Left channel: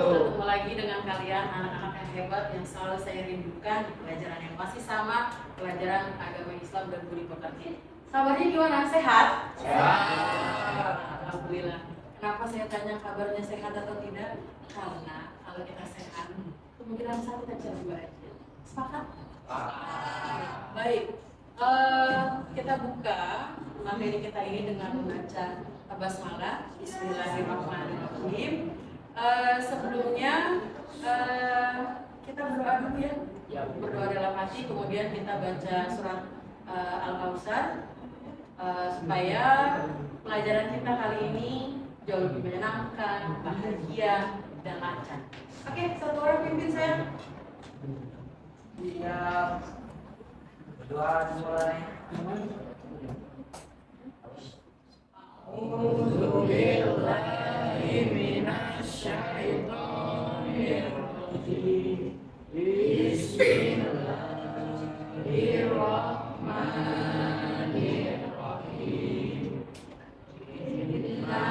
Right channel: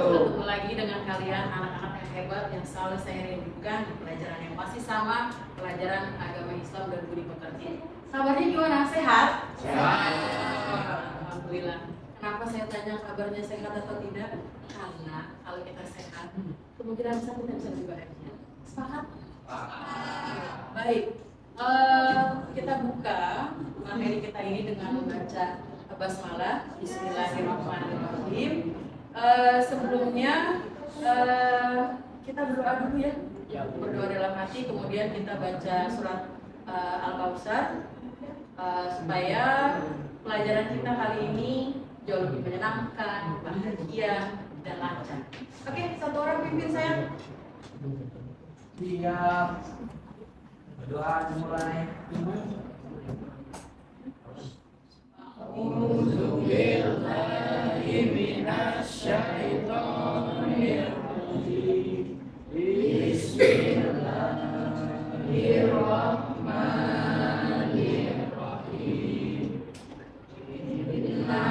Ketemu lagi dengan kalian anak-anak yang hebat yang selalu saya rindukan di pelajaran yang masih sama, pelajaran agama Islam dan budi pekerti. Kabarnya gimana? Sehat? Sehat. Alhamdulillah. Kenapa saya tanya kabarnya sehat atau tidak? Karena kalau kita sehat, kemungkinan besar kita bisa juga aja. Sepakat? Baik. Kita buka materi kita ini dengan membaca basmalah. Bismillahirrahmanirrahim. Sebelumnya kita berdoa dulu ya. Berdoa dalam hati, kemudian kita baca surat Al-Kautsar supaya pelajaran kita kali ini jauh lebih menyenangkan, bahagia, dan lancar. Oke, satu orang pimpin saya. Siap. Berdoa dimulai. A'udzu billahi minasy syaithanir rajim. Bismillahirrahmanirrahim. Inna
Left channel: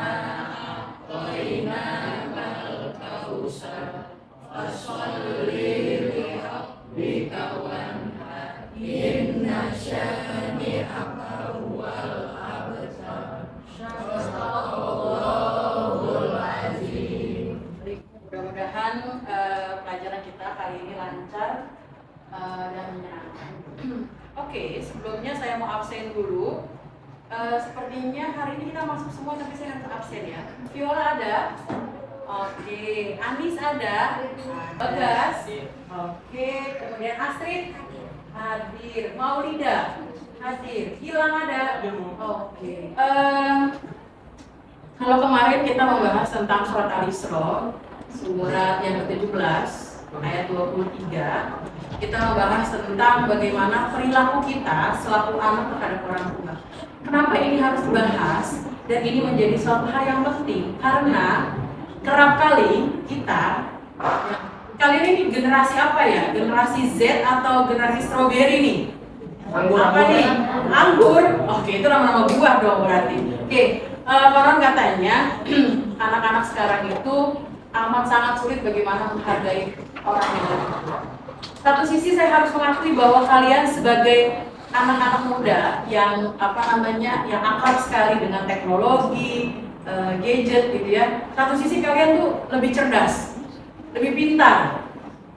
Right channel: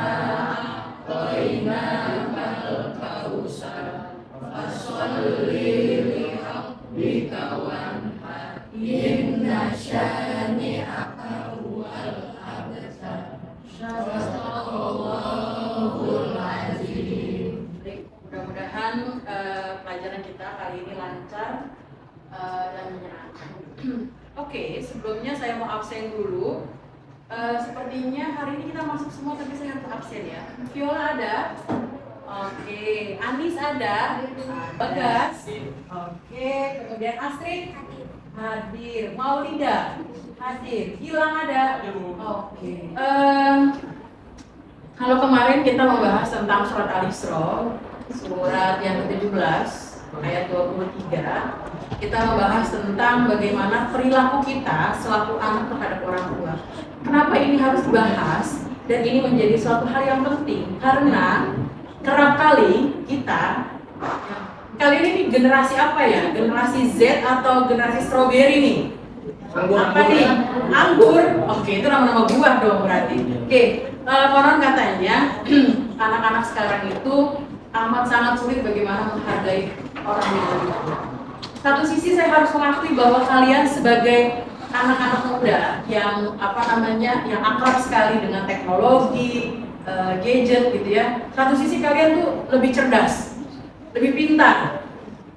a'tainakal kautsar fasholli li rabbika wanhar. Inna syani'aka huwal abtar. Shadaqallahul azim. Mudah-mudahan pelajaran kita kali ini lancar dan menyenangkan. Oke, sebelumnya saya mau absen dulu. Sepertinya hari ini kita masuk semua, tapi saya harus absen ya. Viola ada? Oke. Anis ada? Bagas? Oke. Kemudian Astrid? Hadir. Maulida? Hadir. Gilang ada? Oke. Kalau kemarin kita membahas tentang surat Al-Isra, surat yang ke-17, ayat 23, kita membahas tentang bagaimana perilaku kita selaku anak terhadap orang tua. Kenapa ini harus dibahas dan ini menjadi suatu hal yang penting? Karena kerap kali kita, kali ini generasi apa ya? Generasi Z atau generasi strawberry nih? Apa nih? Anggur. Oke, itu nama-nama buah dong berarti. Oke, konon katanya anak-anak sekarang itu amat sangat sulit bagaimana menghargai orang yang lebih tua. Satu sisi saya harus mengakui bahwa kalian sebagai anak-anak muda yang yang akrab sekali dengan teknologi, gadget gitu ya. Satu sisi kalian tuh lebih cerdas, lebih pintar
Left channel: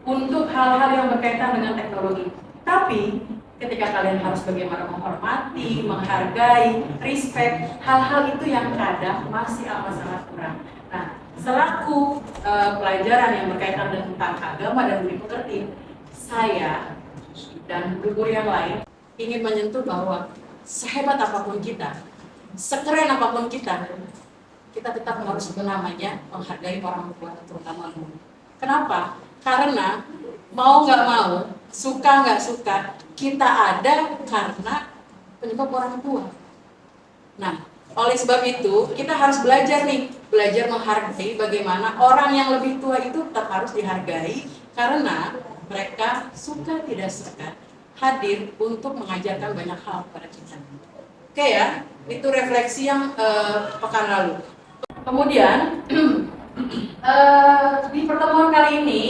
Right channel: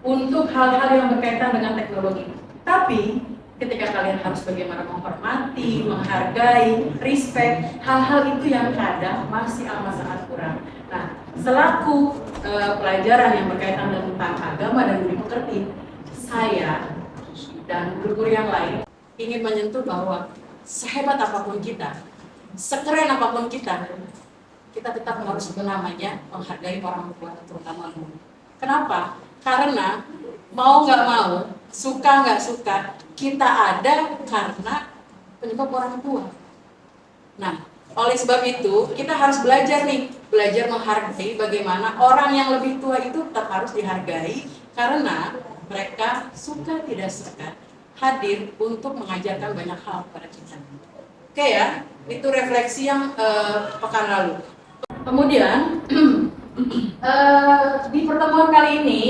untuk hal-hal yang berkaitan dengan teknologi. Tapi ketika kalian harus bagaimana menghormati, menghargai, respect, hal-hal itu yang kadang masih amat sangat kurang. Nah, selaku pelajaran yang berkaitan tentang agama dan budi pekerti, saya dan guru-guru yang lain ingin menyentuh bahwa sehebat apapun kita, sekeren apapun kita tetap harus namanya menghargai orang tua, terutama guru. Kenapa? Karena mau nggak mau, suka nggak suka, kita ada karena penyebab orang tua. Nah, oleh sebab itu kita harus belajar menghargai bagaimana orang yang lebih tua itu tetap harus dihargai karena mereka suka tidak suka hadir untuk mengajarkan banyak hal kepada kita. Oke ya, itu refleksi yang pekan lalu. Kemudian di pertemuan kali ini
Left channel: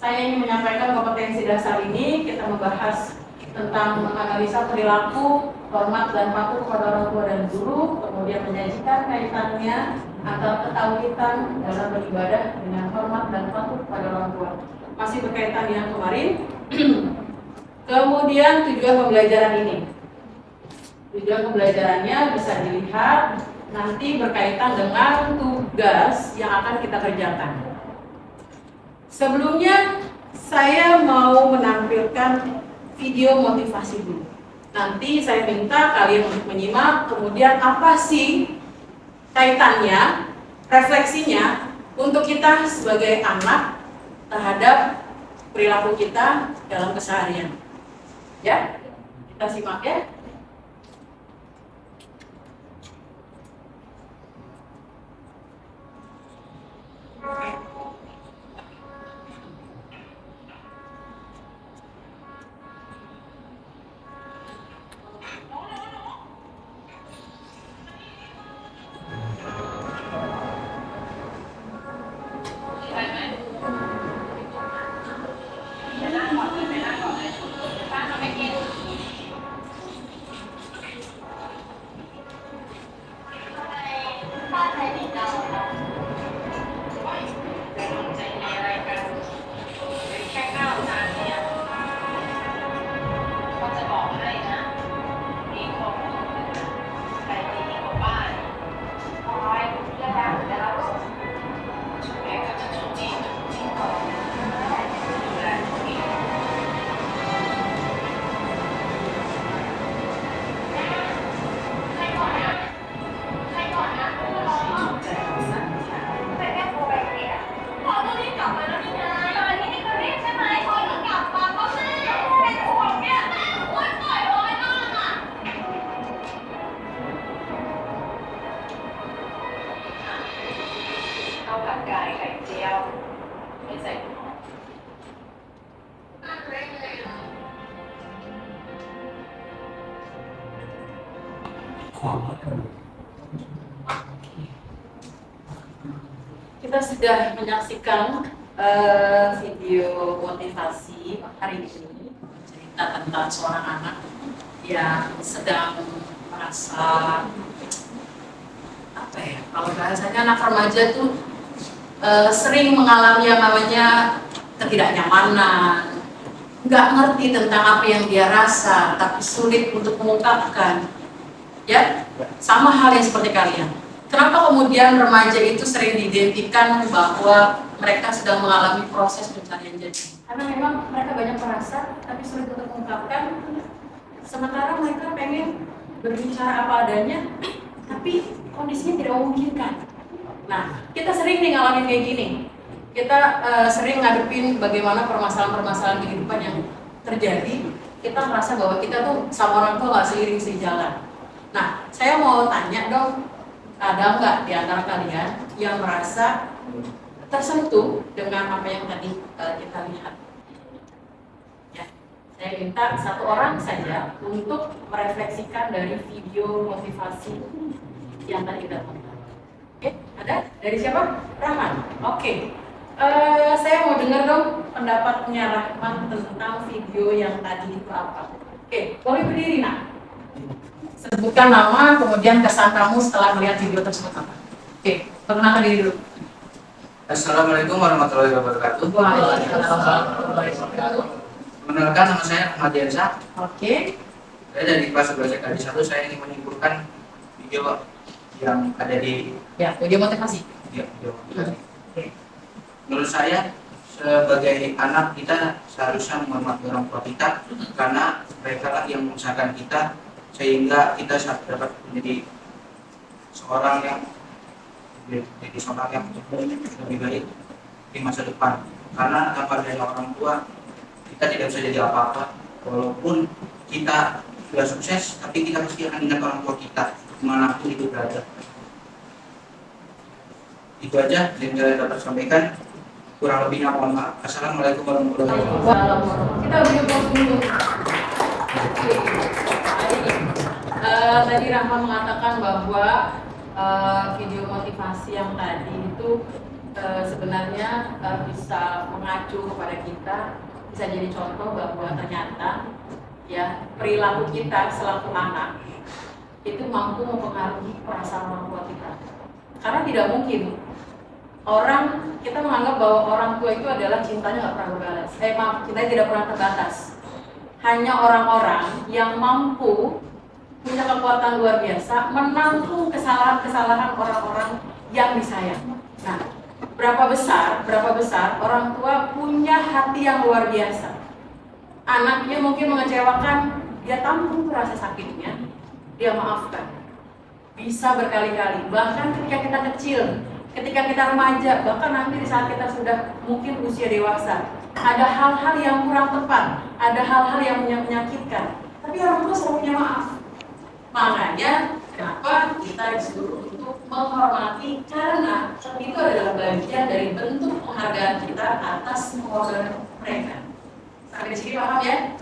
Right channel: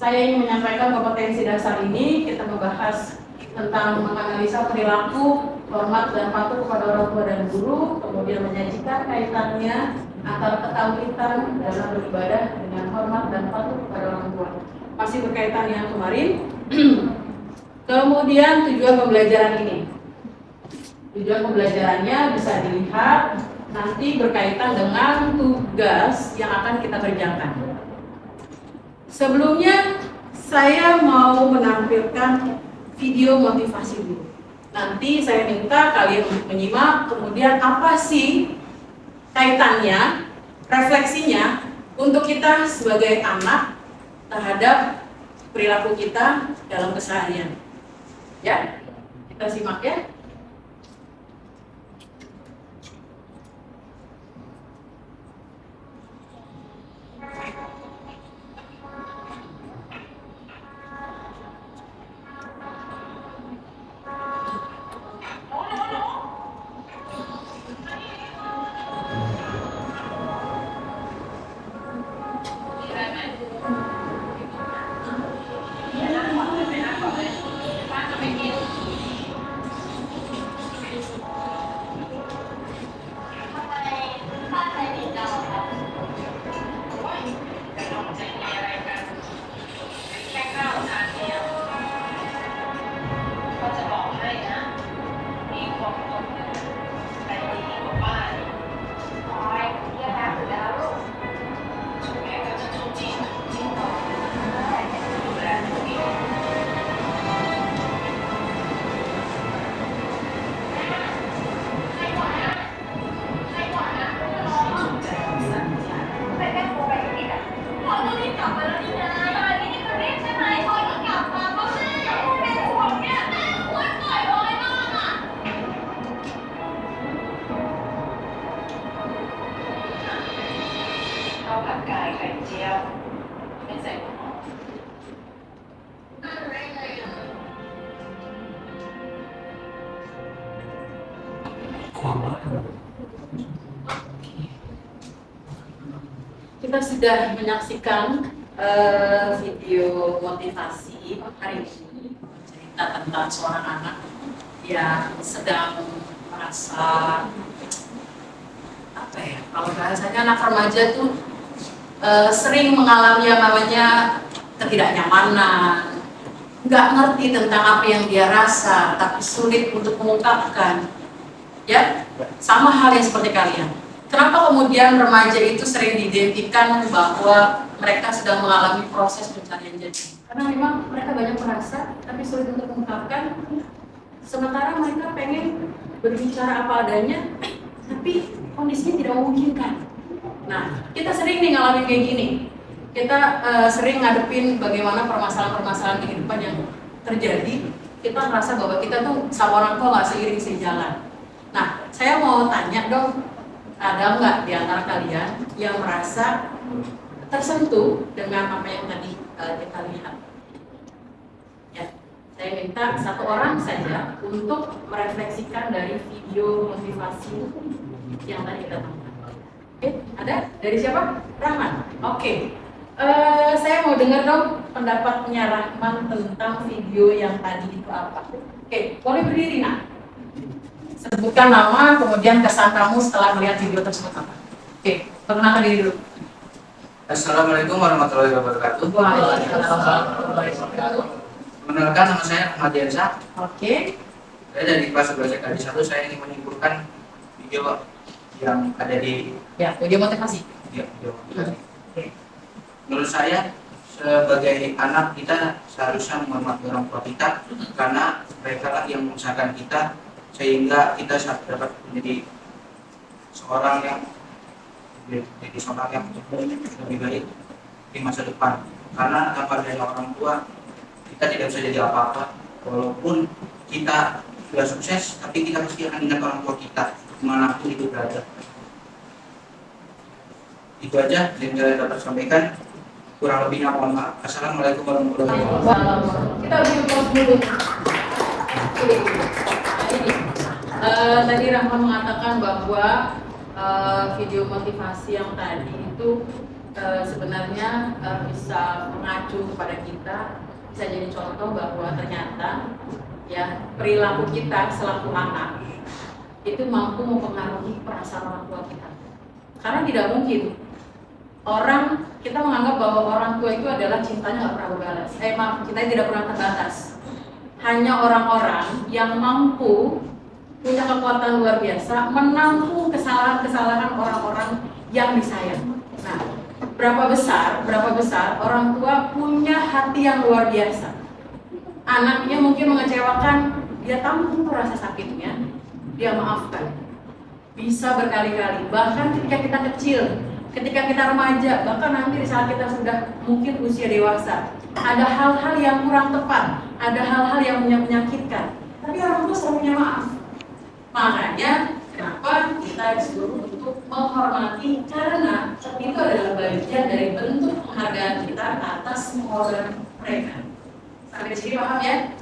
saya ingin menyampaikan kompetensi dasar ini. Kita membahas tentang menganalisa perilaku, hormat dan patuh kepada orang tua dan guru, kemudian menyajikan kaitannya antara ketaatan dalam beribadah dengan hormat dan patuh kepada orang tua. Masih berkaitan dengan kemarin. Kemudian tujuan pembelajaran ini. Tujuan pembelajarannya bisa dilihat nanti berkaitan dengan tugas yang akan kita kerjakan. Sebelumnya saya mau menampilkan video motivasi dulu. Nanti saya minta kalian untuk menyimak, kemudian apa sih kaitannya, refleksinya untuk kita sebagai anak terhadap perilaku kita dalam keseharian. Ya, kita simak ya. Selesai. Kita sudah menyaksikan video motivasi hari ini, cerita tentang seorang anak yang sedang merasa apa ya, kalau bahasanya anak remaja tuh sering mengalami yang namanya ketidaknyamanan, nggak ngerti tentang apa yang dia rasa, tapi sulit untuk mengungkapkan. Ya, sama hal yang seperti kalian. Kenapa kemudian remaja itu sering diidentikan bahwa mereka sedang mengalami proses pencarian jati? Karena memang mereka banyak merasa, tapi sulit untuk mengungkapkan. Sementara mereka pengen berbicara apa adanya, tapi kondisinya tidak memungkinkan. Nah, kita sering nih ngalamin kayak gini. Kita sering ngadepin bagaimana permasalahan-permasalahan kehidupan yang terjadi. Kita merasa bahwa kita tuh sama orang tua nggak seiring sejalan. Nah, saya mau tanya dong, ada nggak di antara kalian yang merasa tersentuh dengan apa yang tadi kita lihat? Ya, saya minta satu orang saja untuk merefleksikan dari video motivasi yang tadi kita tonton. Oke, ada? Dari siapa? Rahman. Oke. Saya mau dengar dong pendapatnya Rahman tentang video yang tadi itu apa. Oke, boleh berdiri nak? Sebutkan nama, kemudian kesan kamu setelah melihat video tersebut apa. Oke, perkenalkan diri dulu. Assalamualaikum warahmatullahi wabarakatuh. Waalaikumsalam warahmatullahi wabarakatuh. Mengenalkan, nama saya Ahmad Diansyah. Oke. Saya dari kelas 11 kali 1. Saya ingin menyimpulkan video yang ada di Video motivasi. video. Oke. Menurut saya, sebagai anak kita seharusnya menghormati orang tua kita, karena mereka lah yang mengusahakan kita sehingga kita dapat menjadi seorang yang lebih baik di masa depan. Karena tanpa dari orang tua kita tidak bisa jadi apa-apa. Walaupun kita sudah sukses, tapi kita pasti akan ingat orang tua kita dimanapun itu berada. Itu aja yang saya dapat sampaikan. Kurang lebihnya mohon maaf. Assalamualaikum warahmatullahi wabarakatuh. Kita beri pause dulu. Tadi Rahman mengatakan bahwa video motivasi yang tadi itu sebenarnya bisa mengacu kepada kita, bisa jadi contoh bahwa ternyata ya perilaku kita selaku anak itu mampu mempengaruhi perasaan orang tua kita. Karena tidak mungkin kita menganggap bahwa orang tua itu adalah cintanya nggak pernah berbalas. Cintanya tidak pernah terbatas. Hanya orang-orang yang mampu punya kekuatan luar biasa menampung kesalahan-kesalahan orang-orang yang disayang. Nah, berapa besar orang tua punya hati yang luar biasa. Anaknya mungkin mengecewakan, dia tampung rasa sakitnya, dia maafkan. Bisa berkali-kali, bahkan ketika kita kecil, ketika kita remaja, bahkan nanti di saat kita sudah mungkin usia dewasa, ada hal-hal yang kurang tepat, ada hal-hal yang menyakitkan, tapi orang tua selalu punya maaf. Makanya kenapa kita disuruh untuk menghormati, karena itu adalah bagian dari bentuk penghargaan kita atas pengorbanan mereka. Sampai di sini paham ya?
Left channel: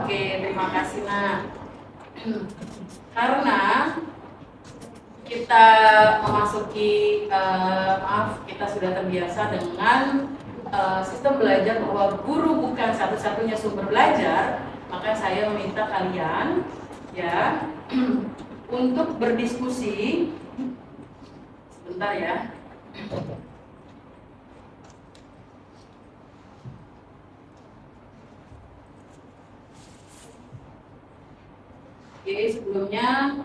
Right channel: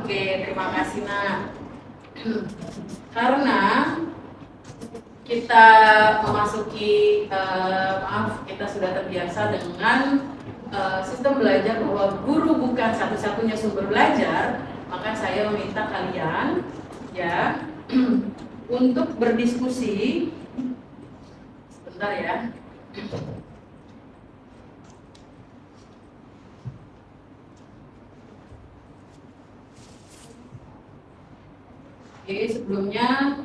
Oke, terima kasih Nak. Karena kita memasuki kita sudah terbiasa dengan sistem belajar bahwa guru bukan satu-satunya sumber belajar, maka saya meminta kalian ya untuk berdiskusi sebentar ya. Oke, sebelumnya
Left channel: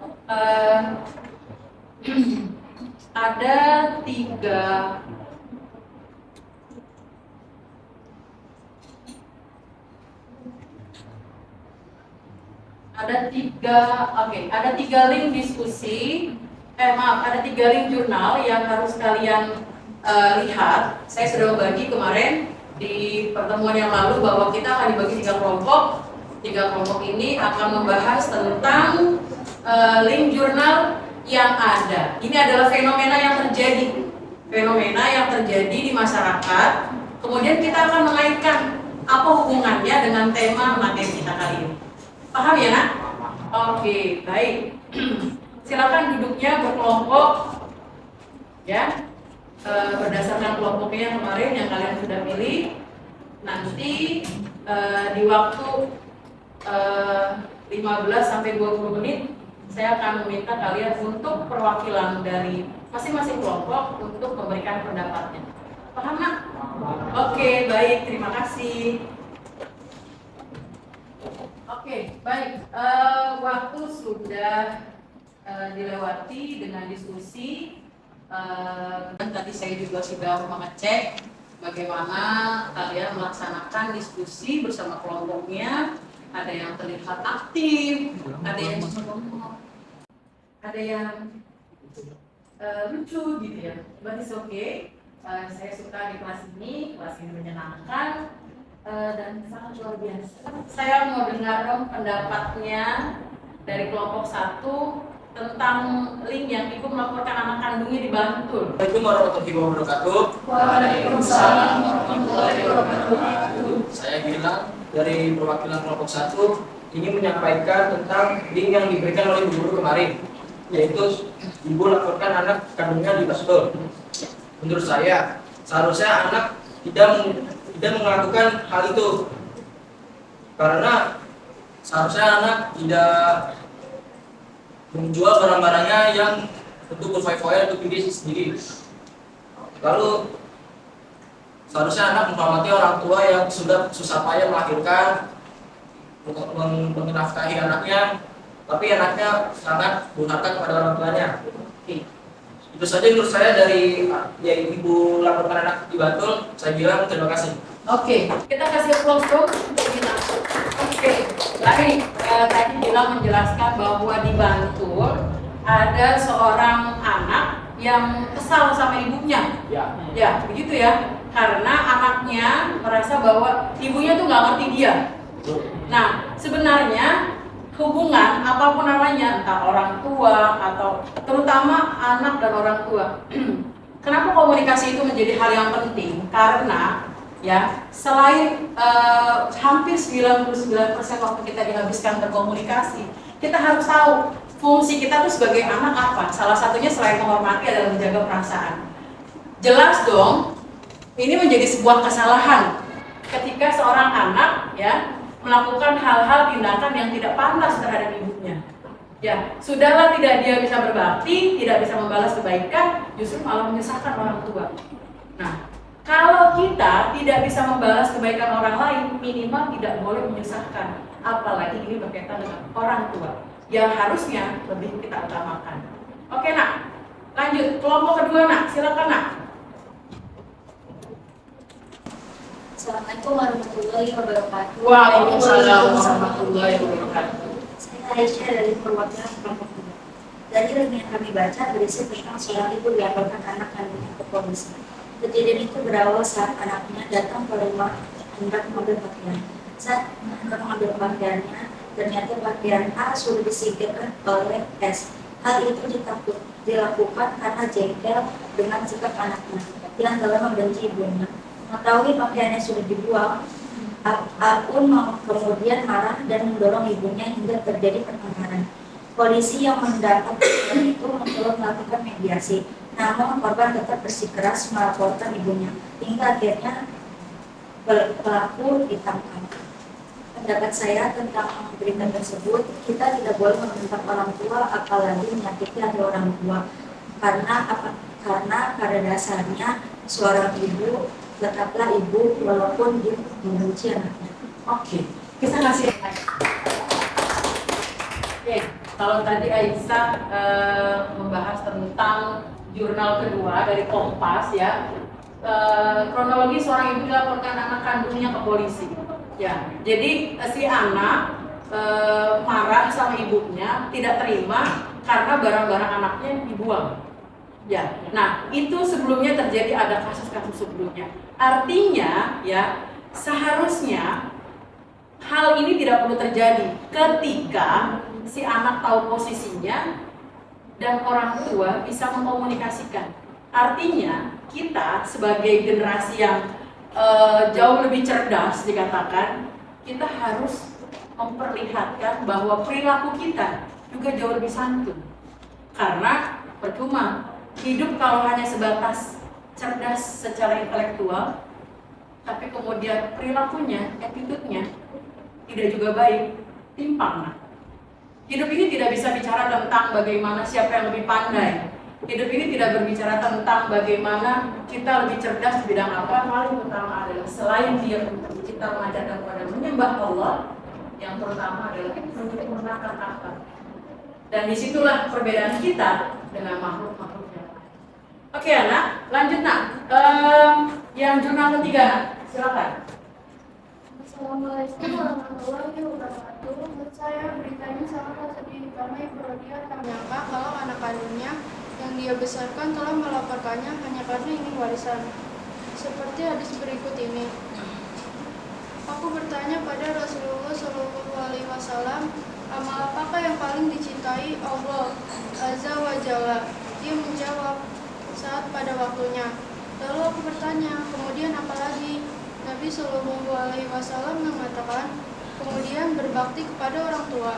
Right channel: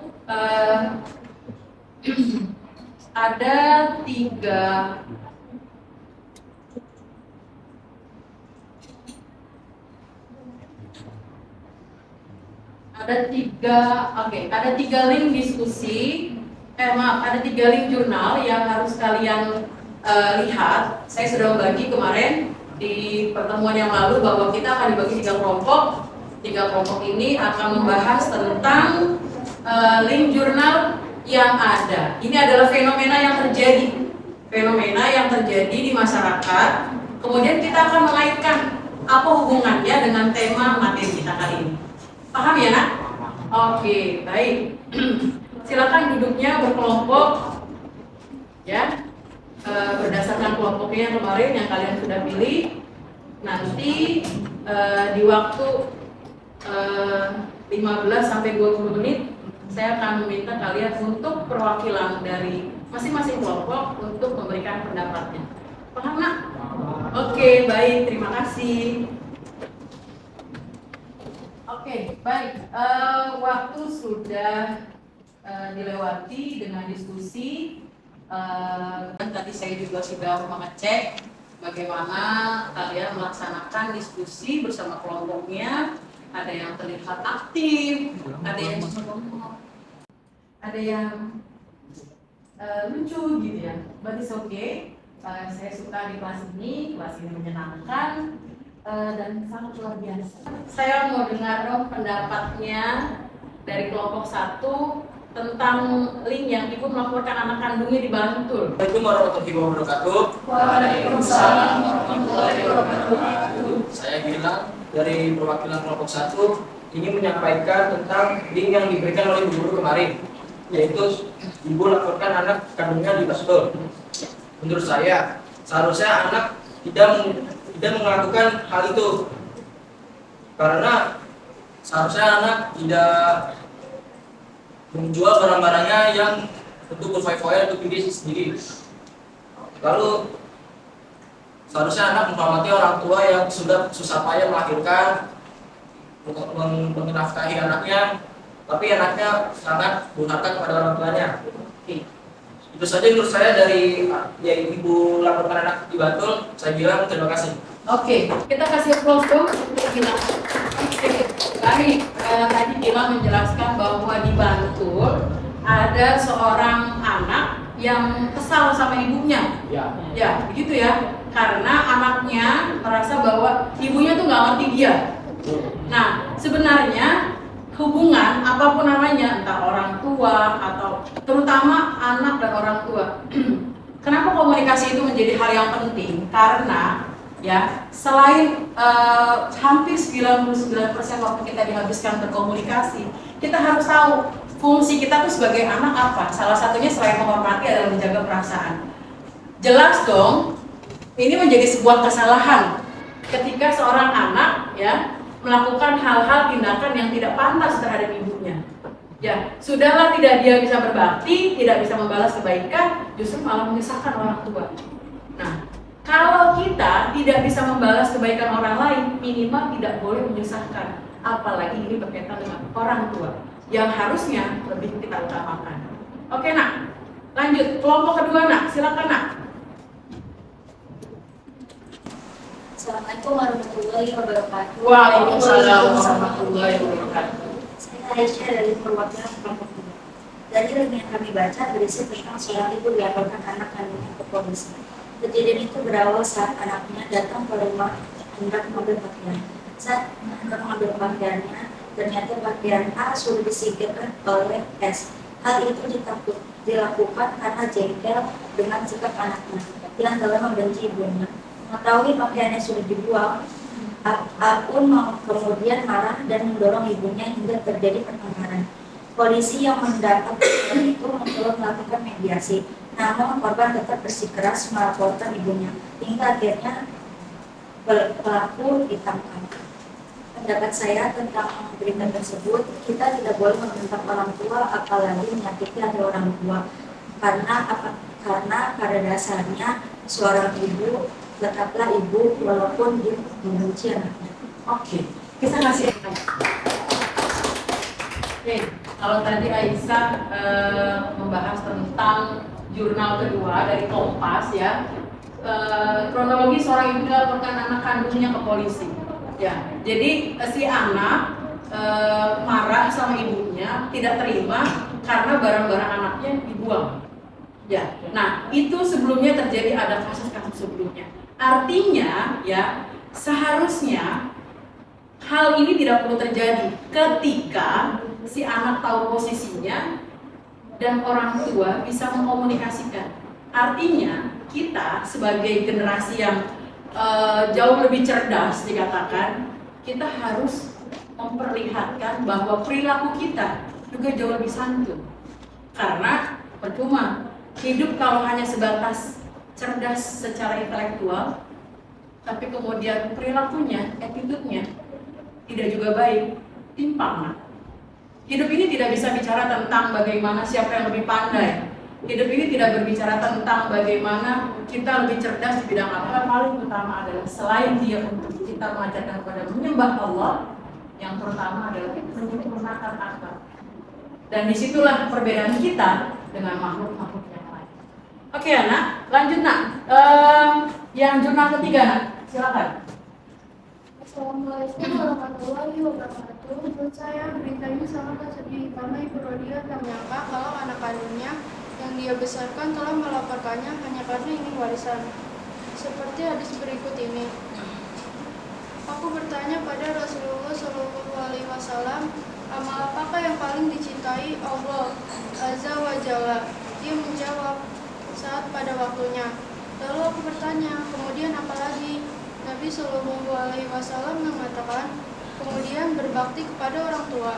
ada tiga ada tiga link diskusi, ada tiga link jurnal yang harus kalian lihat. Saya sudah membagi kemarin di pertemuan yang lalu bahwa kita akan dibagi tiga kelompok. Tiga kelompok ini akan membahas tentang link jurnal yang ada. Ini adalah fenomena yang terjadi fenomena yang terjadi di masyarakat, kemudian kita akan mengaitkan apa hubungannya dengan tema materi kita kali ini. Paham ya, Nak? Oke, baik. Silakan duduknya berkelompok, ya, berdasarkan kelompoknya kemarin yang kalian sudah pilih. Nanti di waktu 15 sampai 20 menit saya akan meminta kalian untuk perwakilan dari masing-masing kelompok untuk memberikan pendapatnya. Paham, Nak? Oke, baik, terima kasih. Oke, baik. Waktu sudah dilewati dengan diskusi. Tadi saya juga sudah mengecek bagaimana kalian melaksanakan diskusi bersama kelompoknya. Ada yang terlihat aktif, ada yang cuma ada yang lucu gitu ya. But it's okay. Saya suka di kelas ini menyenangkan dan sangat luar biasa. Saya mau dengar dong pendapatnya dari kelompok 1 tentang link yang ibu melaporkan anak kandungnya di Bantul. Assalamualaikum warahmatullahi wabarakatuh. Waalaikumsalam warahmatullahi wabarakatuh. Saya bilang dari perwakilan kelompok 1 ingin menyampaikan tentang link yang diberikan oleh guru kemarin, yaitu ibu laporkan anak kandungnya di Bantul. Menurut saya, seharusnya anak tidak melakukan hal itu, karena seharusnya anak tidak menjual barang-barangnya yang untuk berfoya-foya untuk diri sendiri. Lalu seharusnya anak menghormati orang tua yang sudah susah payah melahirkan, menafkahi anaknya, tapi anaknya sangat durhaka kepada orang tuanya. Itu saja menurut saya dari yang ibu laporkan anak di Bantul. Saya bilang terima kasih. Oke, kita kasih applause dong untuk Gilang. Oke, baik. Tadi Gilang menjelaskan bahwa di Bantul ada seorang anak yang kesal sama ibunya. Ya, begitu ya. Karena anaknya merasa bahwa ibunya tuh nggak ngerti dia. Nah, sebenarnya hubungan apapun namanya, entah orang tua atau terutama anak dan orang tua. Kenapa komunikasi itu menjadi hal yang penting? Karena ya, selain hampir 99% waktu kita dihabiskan berkomunikasi, kita harus tahu fungsi kita tuh sebagai anak apa. Salah satunya selain menghormati adalah menjaga perasaan. Jelas dong, ini menjadi sebuah kesalahan ketika seorang anak ya melakukan hal-hal tindakan yang tidak pantas terhadap ibunya. Ya, sudahlah tidak dia bisa berbakti, tidak bisa membalas kebaikan, justru malah menyusahkan orang tua. Nah, kalau kita tidak bisa membalas kebaikan orang lain, minimal tidak boleh menyusahkan. Apalagi ini berkaitan dengan orang tua, yang harusnya lebih kita utamakan. Oke, Nak, lanjut. Kelompok kedua, Nak, silakan, Nak. Assalamualaikum warahmatullahi wabarakatuh. Waalaikumsalam warahmatullahi wabarakatuh. Saya Aisyah dari perwakilan kelompok 2. Dari link yang kami baca berisi tentang seorang ibu dilaporkan anak kandungnya ke polisi. Kejadian itu berawal saat anaknya datang ke rumah hendak mengambil pakaian. Saat hendak mengambil pakaiannya, ternyata pakaian A sudah disingkirkan oleh S. Hal itu dilakukan karena jengkel dengan sikap anaknya yang telah membenci ibunya. Mengetahui pakaiannya sudah dibuang, A pun kemudian marah dan mendorong ibunya hingga terjadi pertengkaran. Polisi yang mendapat laporan itu mencoba melakukan mediasi, namun korban tetap bersikeras melaporkan ibunya, hingga akhirnya pelaku ditangkap. Pendapat saya tentang berita tersebut, kita tidak boleh membentak orang tua, apalagi menyakiti hati orang tua, karena pada dasarnya seorang ibu tetaplah ibu walaupun dia membenci anaknya. Oke, kita kasih. Oke, kalau tadi Aisyah membahas tentang jurnal kedua dari Kompas ya, kronologi seorang ibu melaporkan anak kandungnya ke polisi. Ya, jadi si anak marah sama ibunya, tidak terima karena barang-barang anaknya dibuang. Ya, nah itu sebelumnya terjadi, ada kasus-kasus sebelumnya. Artinya ya seharusnya hal ini tidak perlu terjadi ketika si anak tahu posisinya dan orang tua bisa mengkomunikasikan. Artinya kita sebagai generasi yang jauh lebih cerdas dikatakan, kita harus memperlihatkan bahwa perilaku kita juga jauh lebih santun. Karena percuma hidup kalau hanya sebatas cerdas secara intelektual, tapi kemudian perilakunya, attitude-nya tidak juga baik, timpang. Hidup ini tidak bisa bicara tentang bagaimana siapa yang lebih pandai. Hidup ini tidak berbicara tentang bagaimana kita lebih cerdas di bidang apa. Yang paling utama adalah selain dia untuk kita mengajarkan kepada menyembah Allah, yang pertama adalah menyempurnakan akhlak. Dan disitulah perbedaan kita dengan makhluk-makhluk yang lain. Oke anak, lanjut nak. Yang jurnal ketiga, nak. Silakan. Assalamualaikum warahmatullahi wabarakatuh. Menurut saya beritanya sangat sedih karena Ibu Rodia tak menyangka kalau anak kandungnya yang dia besarkan telah melaporkannya hanya karena ingin warisan. Seperti hadis berikut ini. Aku bertanya pada Rasulullah Shallallahu Alaihi Wasallam, amal apakah yang paling dicintai Allah Azza wa Jalla? Dia menjawab, saat pada waktunya. Lalu aku bertanya, kemudian apa lagi? Nabi Shallallahu Alaihi Wasallam mengatakan, kemudian berbakti kepada orang tua.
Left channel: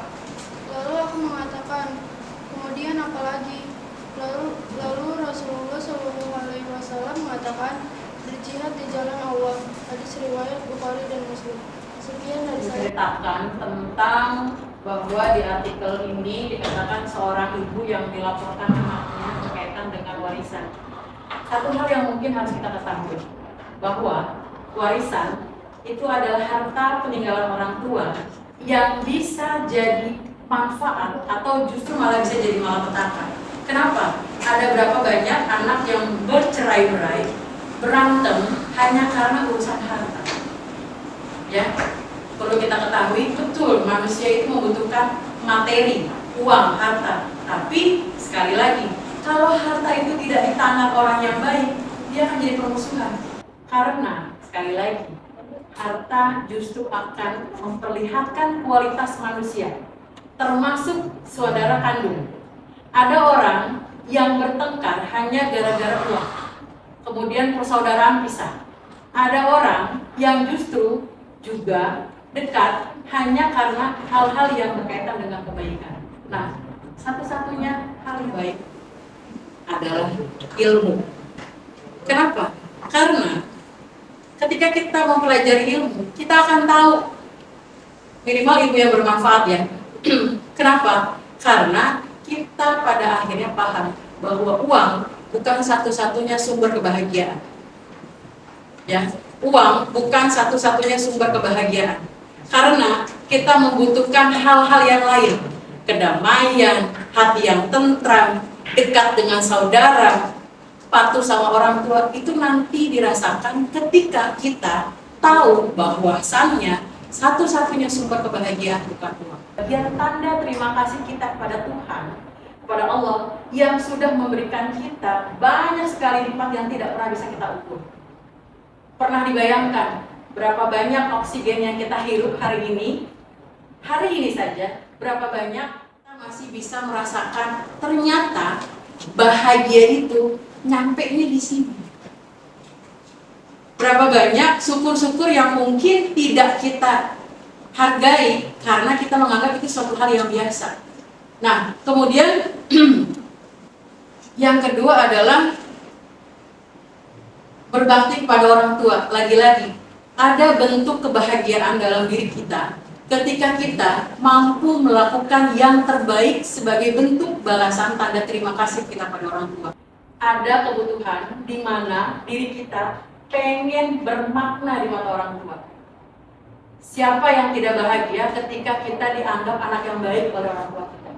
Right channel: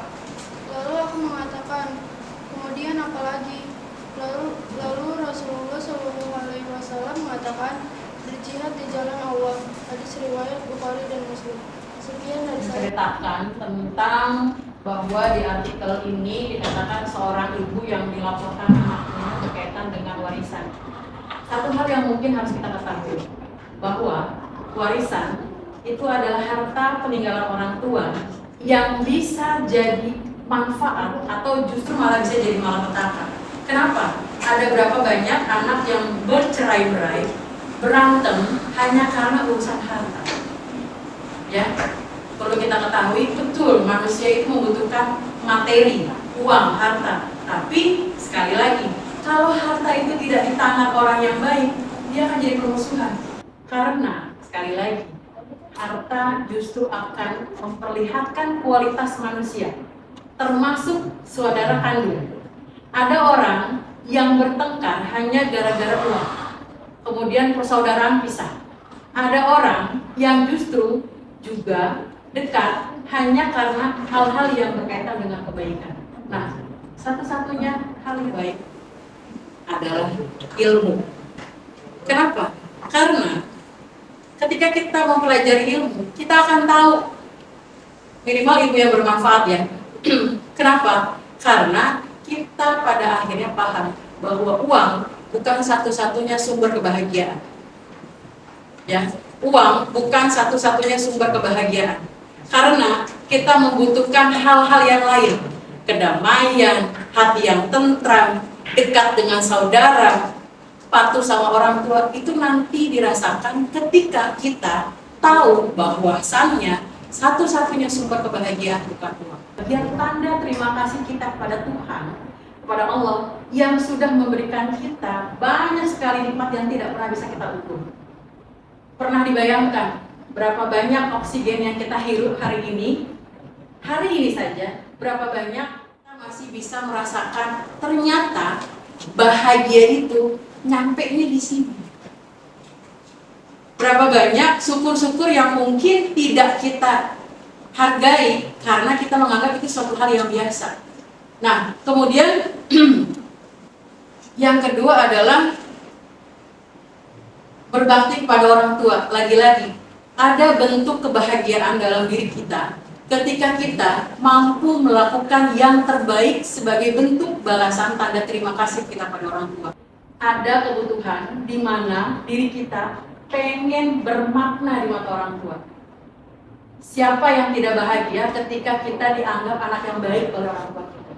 Lalu aku mengatakan, kemudian apa lagi? Lalu Rasulullah Shallallahu Alaihi Wasallam mengatakan, berjihad di jalan Allah. Hadis riwayat Bukhari dan Muslim. Sekian dari saya. Menceritakan tentang bahwa di artikel ini dikatakan seorang ibu yang dilaporkan anaknya berkaitan dengan warisan. Satu hal yang mungkin harus kita ketahui, bahwa warisan itu adalah harta peninggalan orang tua yang bisa jadi manfaat atau justru malah bisa jadi malapetaka. Kenapa? Ada berapa banyak anak yang bercerai-berai, berantem hanya karena urusan harta. Ya, perlu kita ketahui betul manusia itu membutuhkan materi, uang, harta. Tapi sekali lagi, kalau harta itu tidak di tangan orang yang baik, dia akan jadi permusuhan. Karena sekali lagi, harta justru akan memperlihatkan kualitas manusia, termasuk saudara kandung. Ada orang yang bertengkar hanya gara-gara uang, kemudian persaudaraan pisah. Ada orang yang justru juga dekat hanya karena hal-hal yang berkaitan dengan kebaikan. Nah, satu-satunya hal baik adalah ilmu. Kenapa? Karena ketika kita mempelajari ilmu, kita akan tahu minimal ilmu yang bermanfaat ya. Kenapa? Karena kita pada akhirnya paham bahwa uang bukan satu-satunya sumber kebahagiaan. Ya, uang bukan satu-satunya sumber kebahagiaan. Karena kita membutuhkan hal-hal yang lain, kedamaian, hati yang tentram, dekat dengan saudara, patuh sama orang tua, itu nanti dirasakan ketika kita tahu bahwasannya satu-satunya sumber kebahagiaan bukan uang. Bagian tanda terima kasih kita kepada Tuhan, kepada Allah yang sudah memberikan kita banyak sekali nikmat yang tidak pernah bisa kita ukur. Pernah dibayangkan berapa banyak oksigen yang kita hirup hari ini saja, berapa banyak kita masih bisa merasakan ternyata bahagia itu nyampe-nya di sini. Berapa banyak syukur-syukur yang mungkin tidak kita hargai karena kita menganggap itu suatu hal yang biasa. Nah, kemudian yang kedua adalah berbakti kepada orang tua. Lagi-lagi, ada bentuk kebahagiaan dalam diri kita ketika kita mampu melakukan yang terbaik sebagai bentuk balasan tanda terima kasih kita pada orang tua. Ada kebutuhan di mana diri kita pengen bermakna di mata orang tua. Siapa yang tidak bahagia ketika kita dianggap anak yang baik oleh orang tua kita?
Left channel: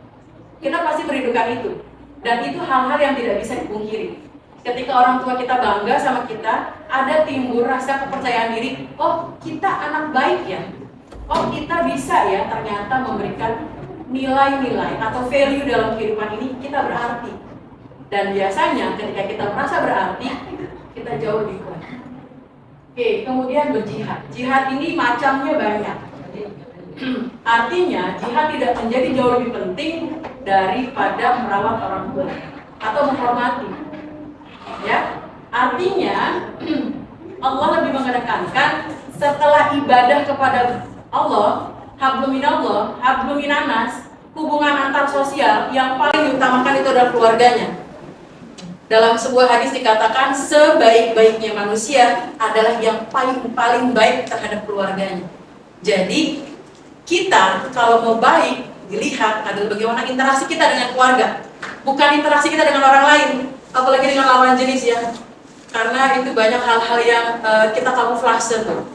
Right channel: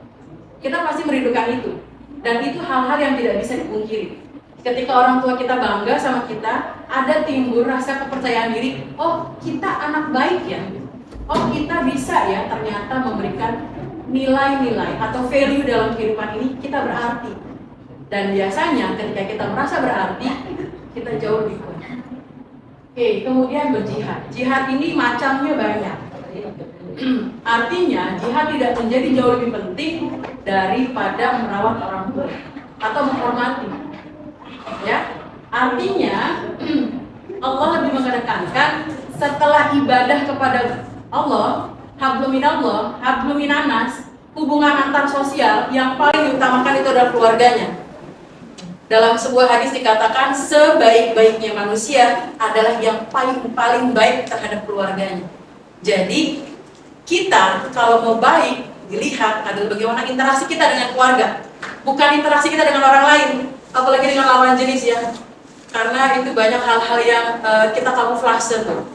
Kita pasti merindukan itu. Dan itu hal-hal yang tidak bisa dipungkiri. Ketika orang tua kita bangga sama kita, ada timbul rasa kepercayaan diri. Oh, kita anak baik ya. Oh, kita bisa ya ternyata memberikan nilai-nilai atau value dalam kehidupan ini, kita berarti. Dan biasanya ketika kita merasa berarti, kita jauh lebih kuat. Oke, kemudian berjihad. Jihad ini macamnya banyak. Artinya, jihad tidak menjadi jauh lebih penting daripada merawat orang tua atau menghormati. Ya, Artinya Allah lebih mengedepankan setelah ibadah kepada Allah, hablum minallah, hablum minanas, hubungan antar sosial yang paling diutamakan itu adalah keluarganya. Dalam sebuah hadis dikatakan sebaik-baiknya manusia adalah yang paling baik terhadap keluarganya. Jadi kita kalau mau baik dilihat adalah bagaimana interaksi kita dengan keluarga, bukan interaksi kita dengan orang lain, apalagi dengan lawan jenis ya. Karena itu banyak hal-hal yang kita kamuflase tuh.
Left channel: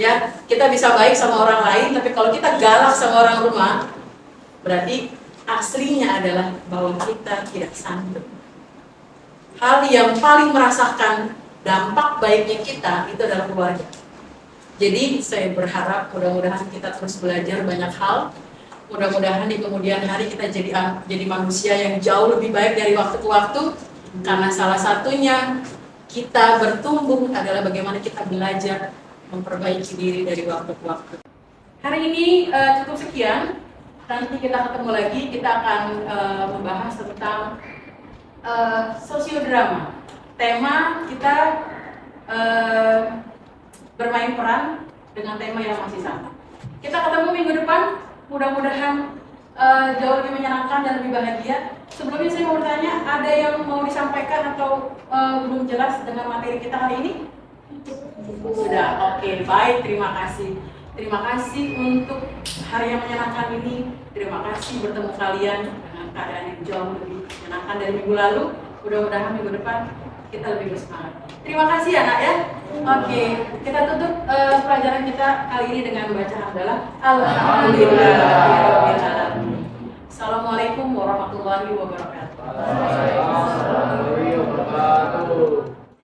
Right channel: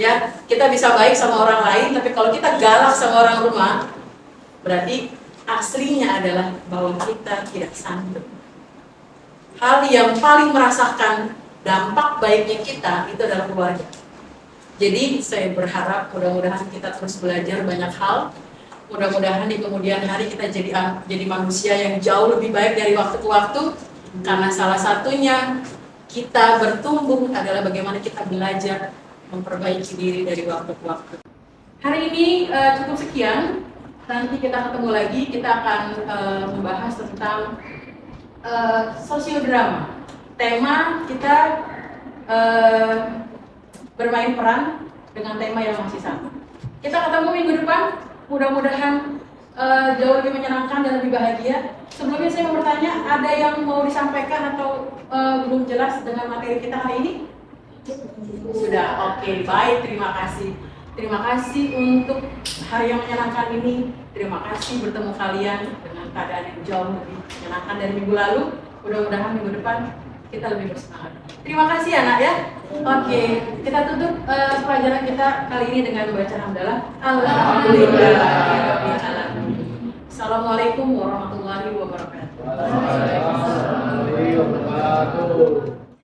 Ya, kita bisa baik sama orang lain, tapi kalau kita galak sama orang rumah, berarti aslinya adalah bahwa kita tidak sanggup. Hal yang paling merasakan dampak baiknya kita itu adalah keluarga. Jadi saya berharap mudah-mudahan kita terus belajar banyak hal. Mudah-mudahan di kemudian hari kita jadi manusia yang jauh lebih baik dari waktu ke waktu. Karena salah satunya kita bertumbuh adalah bagaimana kita belajar memperbaiki diri dari waktu ke waktu. Hari ini cukup sekian. Nanti kita ketemu lagi. Kita akan membahas tentang sosiodrama. Tema kita bermain peran dengan tema yang masih sama. Kita ketemu minggu depan. Mudah-mudahan jauh lebih menyenangkan dan lebih bahagia. Sebelumnya saya mau bertanya, ada yang mau disampaikan atau belum jelas dengan materi kita hari ini? Sudah, oke, baik, terima kasih. Terima kasih untuk hari yang menyenangkan ini. Terima kasih bertemu kalian dengan keadaan yang jauh lebih menyenangkan dari minggu lalu. Mudah-mudahan minggu depan kita lebih bersemangat. Terima kasih ya nak ya. Oke, kita tutup pelajaran kita kali ini dengan membaca hamdalah. Alhamdulillah. Assalamualaikum warahmatullahi wabarakatuh. Waalaikumsalam warahmatullahi wabarakatuh.